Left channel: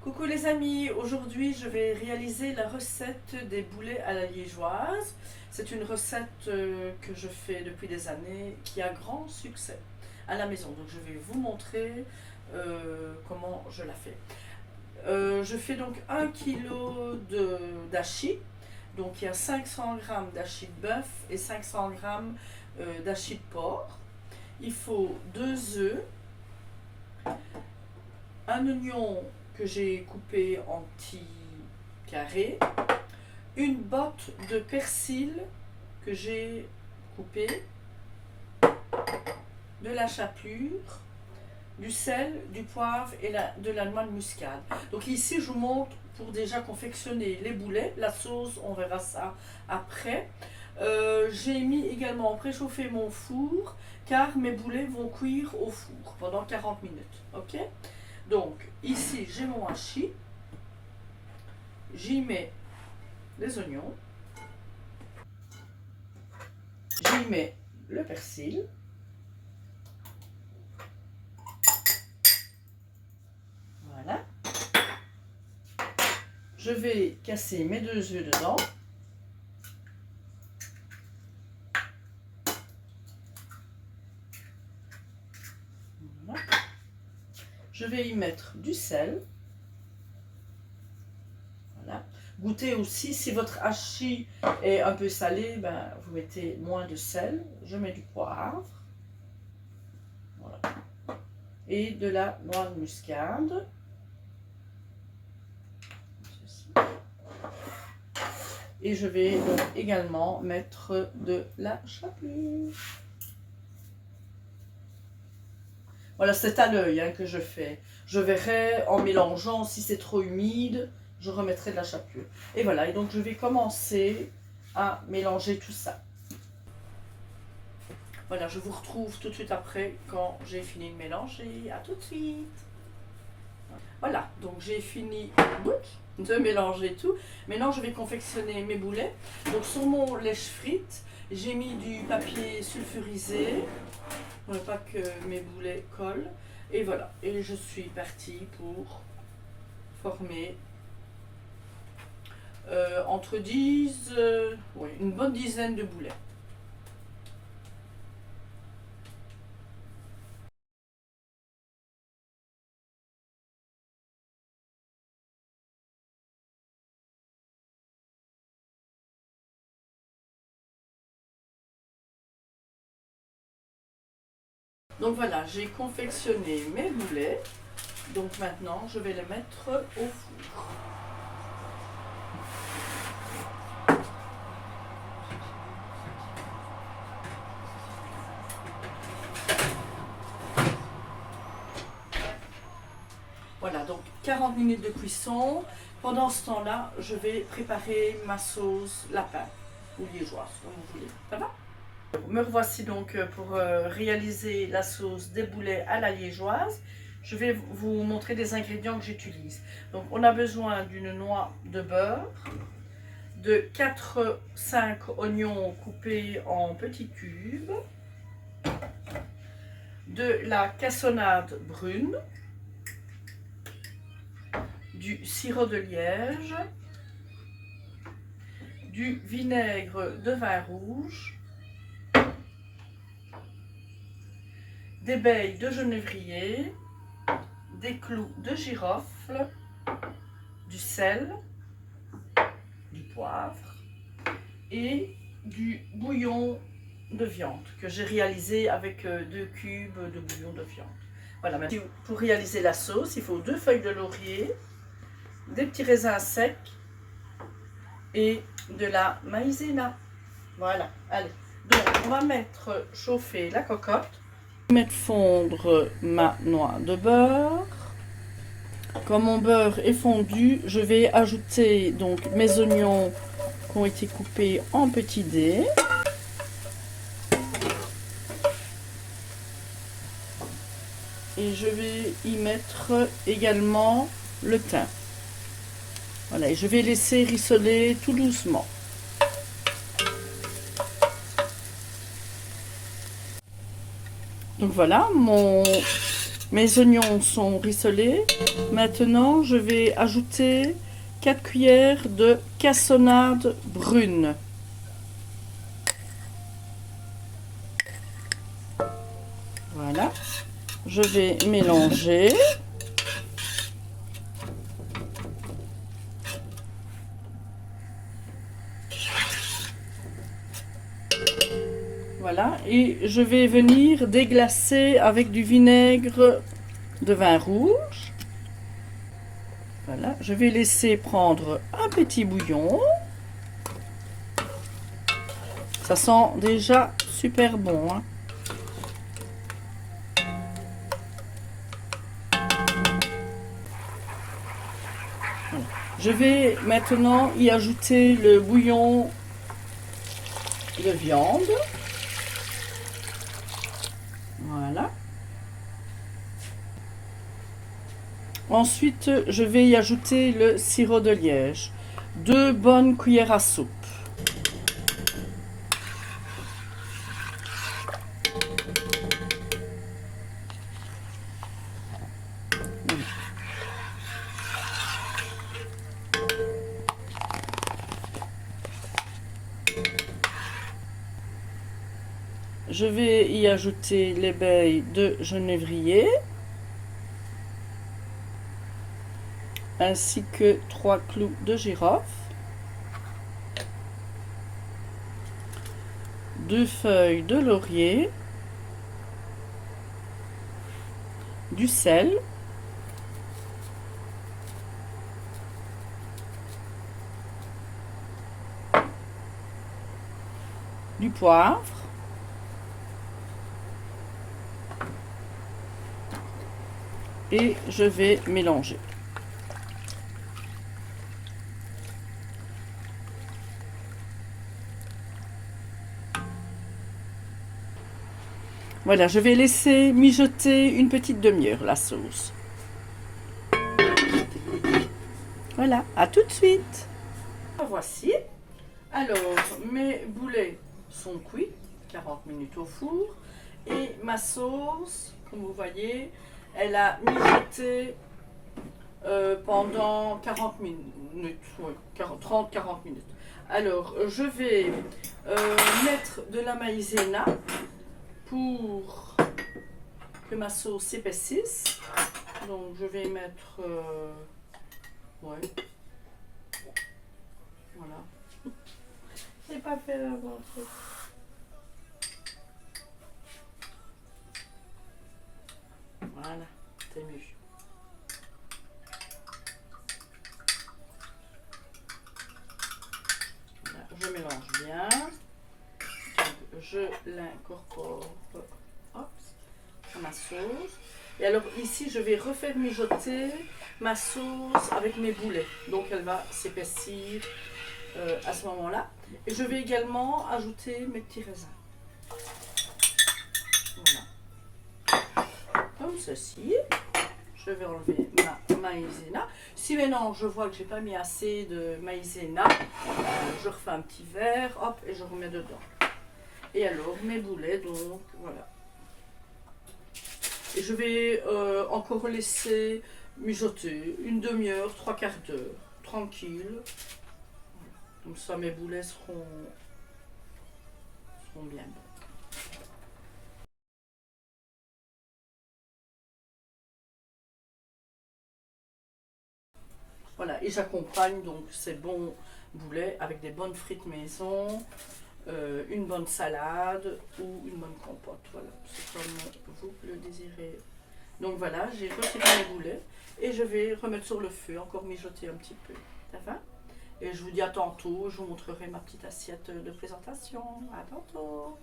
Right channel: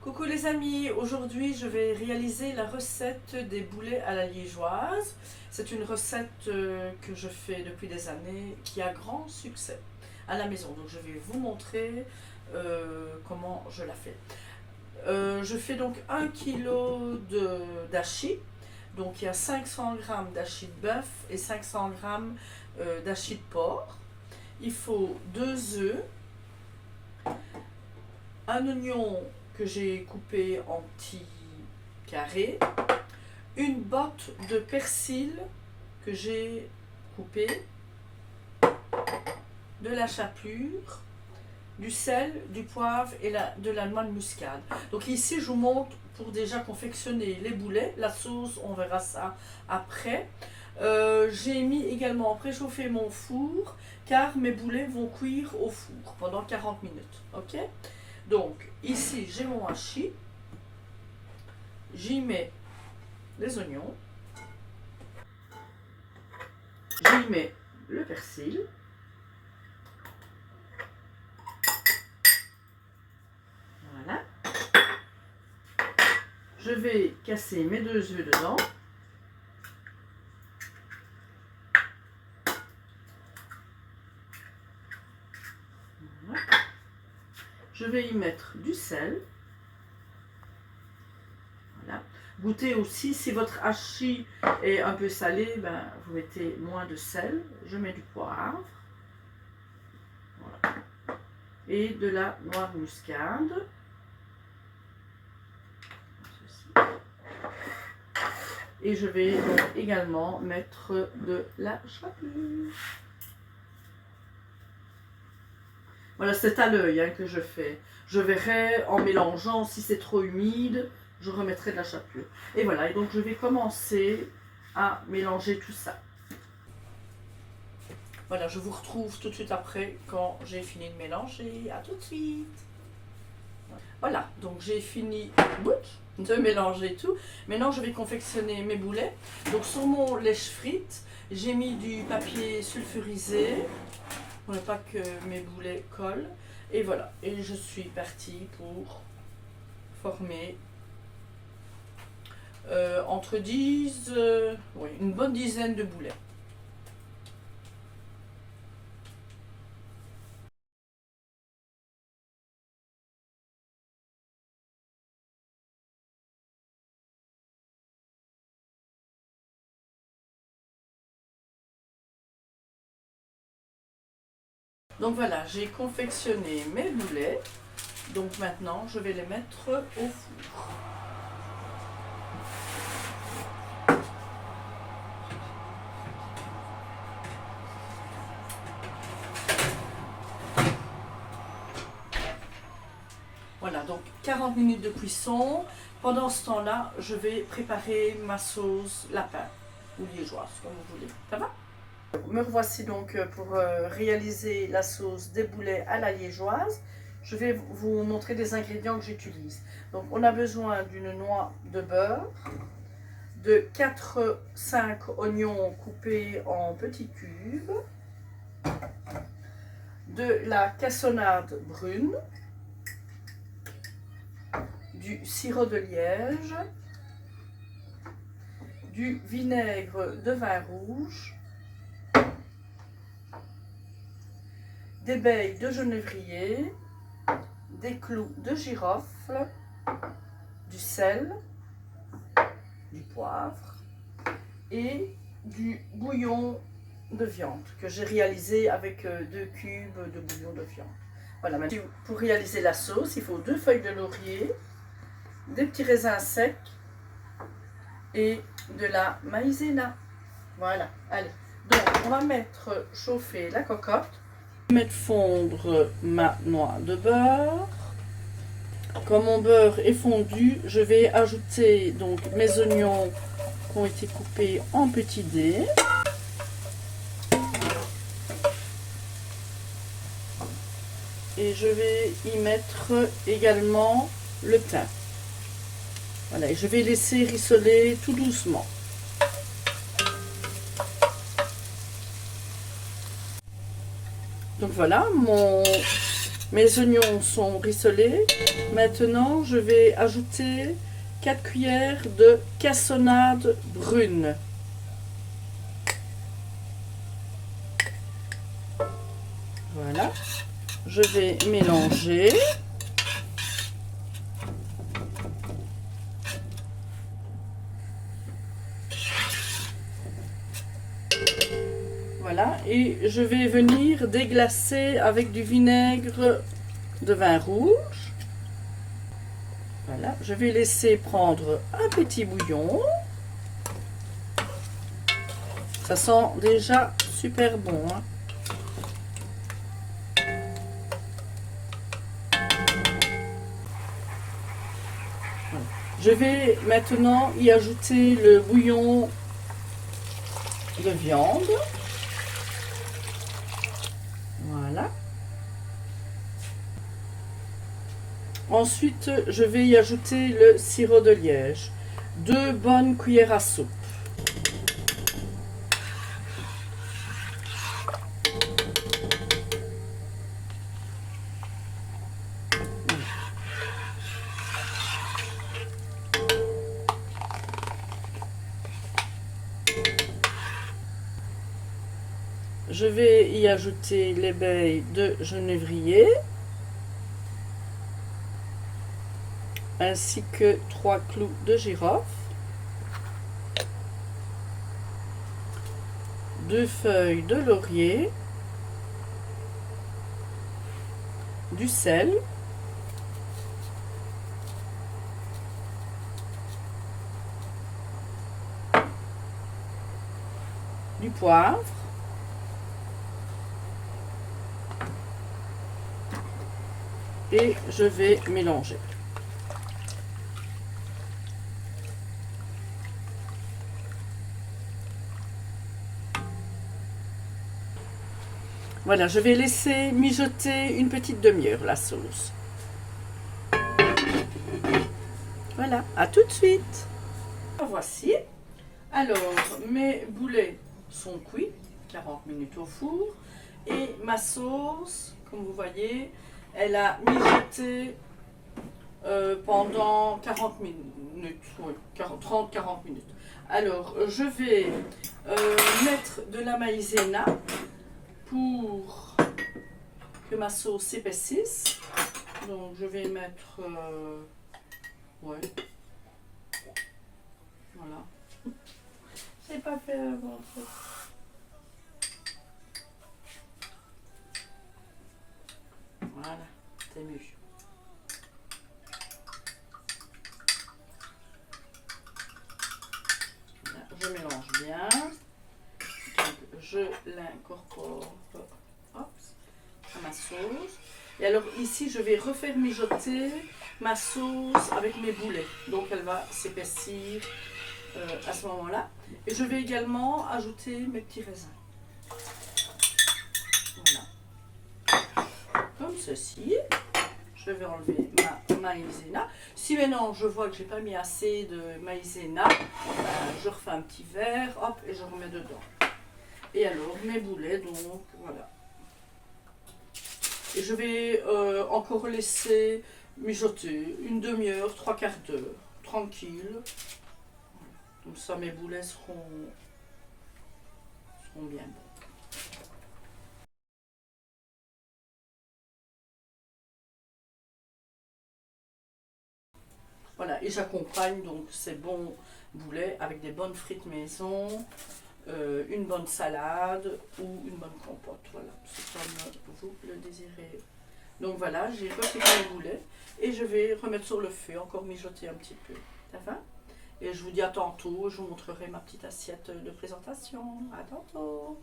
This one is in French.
Coucou les amis, aujourd'hui je vais réaliser la recette des boulets à la liégeoise. C'est une recette que je fais depuis des années qui a grand succès à la maison. Donc je vais vous montrer comment je la fais. Je fais donc 1 kg d'hachis. Donc il y a 500 g d'hachis de bœuf et 500 g d'hachis de porc. Il faut 2 œufs, un oignon que j'ai coupé en petits carrés, une botte de persil que j'ai coupé, de la chapelure, du sel, du poivre et de la noix de muscade. Donc ici je vous montre pour déjà confectionner les boulets. La sauce on verra ça après. J'ai mis également préchauffer mon four car mes boulets vont cuire au four pendant 40 minutes. Ok? Donc ici j'ai mon hachis, j'y mets les oignons, j'y mets le persil, voilà. Je vais casser mes 2 œufs dedans. Voilà. Je vais y mettre du sel. Voilà. Goûtez aussi, si votre hachis est un peu salé, ben, vous mettez moins de sel. Je mets du poivre. Voilà. Et de la noix de muscade. Et je vais donc également mettre de la chapelure. Voilà, c'est à l'œil que je fais. Je verrai en mélangeant, si c'est trop humide, je remettrai de la chapelure. Et voilà, et donc je vais commencer à mélanger tout ça. Voilà, je vous retrouve tout de suite après quand j'ai fini de mélanger. À tout de suite. Voilà, donc j'ai fini de mélanger tout. Maintenant, je vais confectionner mes boulets. Donc sur mon lèche-frites, j'ai mis du papier sulfurisé pour ne pas que mes boulets collent. Et voilà, et je suis partie pour former entre 10, oui, une bonne dizaine de boulets. Donc voilà, j'ai confectionné mes boulets. Donc maintenant, je vais les mettre au four. Voilà, donc 40 minutes de cuisson. Pendant ce temps-là, je vais préparer ma sauce lapin ou liégeoise, comme vous voulez. Ça va? Me revoici donc pour réaliser la sauce des boulets à la liégeoise. Je vais vous montrer des ingrédients que j'utilise. Donc on a besoin d'une noix de beurre, de 4-5 oignons coupés en petits cubes, de la cassonade brune, du sirop de liège, du vinaigre de vin rouge, des baies de genévrier, des clous de girofle, du sel, du poivre et du bouillon de viande que j'ai réalisé avec 2 cubes de bouillon de viande. Voilà, maintenant, pour réaliser la sauce, il faut 2 feuilles de laurier, des petits raisins secs et de la maïzena. Voilà, allez. Donc, on va mettre chauffer la cocotte. Mettre fondre ma noix de beurre. Quand mon beurre est fondu, je vais ajouter donc mes oignons qui ont été coupés en petits dés. Et je vais y mettre également le thym. Voilà, et je vais laisser rissoler tout doucement. Donc voilà, mon Mes oignons sont rissolés. Maintenant, je vais ajouter 4 cuillères de cassonade brune. Voilà. Je vais mélanger. Voilà, et je vais venir déglacer avec du vinaigre de vin rouge. Voilà, je vais laisser prendre un petit bouillon. Ça sent déjà super bon, hein. Voilà. Je vais maintenant y ajouter le bouillon de viande. Voilà. Ensuite, je vais y ajouter le sirop de liège. 2 bonnes cuillères à soupe. Je vais y ajouter l'ébaye de genévrier, ainsi que 3 clous de girofle, 2 feuilles de laurier, du sel, du poivre, et je vais mélanger. Voilà, je vais laisser mijoter une petite demi-heure la sauce. Voilà, à tout de suite. Voici. Alors, mes boulets sont cuits, 40 minutes au four. Et ma sauce, comme vous voyez, elle a mijoté pendant 40 minutes, oui, 30-40 minutes. Alors, je vais mettre de la maïzena pour que ma sauce s'épaississe. Donc, je vais mettre... ouais. Voilà. C'est pas fait bon truc. Voilà, c'est mieux. Là, je mélange bien. Donc, je l'incorpore à ma sauce. Et alors ici, je vais refaire mijoter ma sauce avec mes boulets. Donc elle va s'épaissir à ce moment-là. Et je vais également ajouter mes petits raisins. Voilà. Comme ceci. Je vais enlever ma maïzena. Si maintenant je vois que j'ai pas mis assez de maïzena, je refais un petit verre, hop, et je remets dedans. Et alors mes boulets, donc voilà. Et je vais encore laisser mijoter une demi-heure, 3/4 d'heure, tranquille. Voilà. Comme ça mes boulets seront bien bons. Voilà, et j'accompagne donc ces bons boulets avec des bonnes frites maison, une bonne salade ou une bonne compote. Voilà, c'est comme vous le désirez. Donc voilà, j'ai retiré mes boulets et je vais remettre sur le feu, encore mijoter un petit peu. Ça va? Et je vous dis à tantôt, je vous montrerai ma petite assiette de présentation. À tantôt!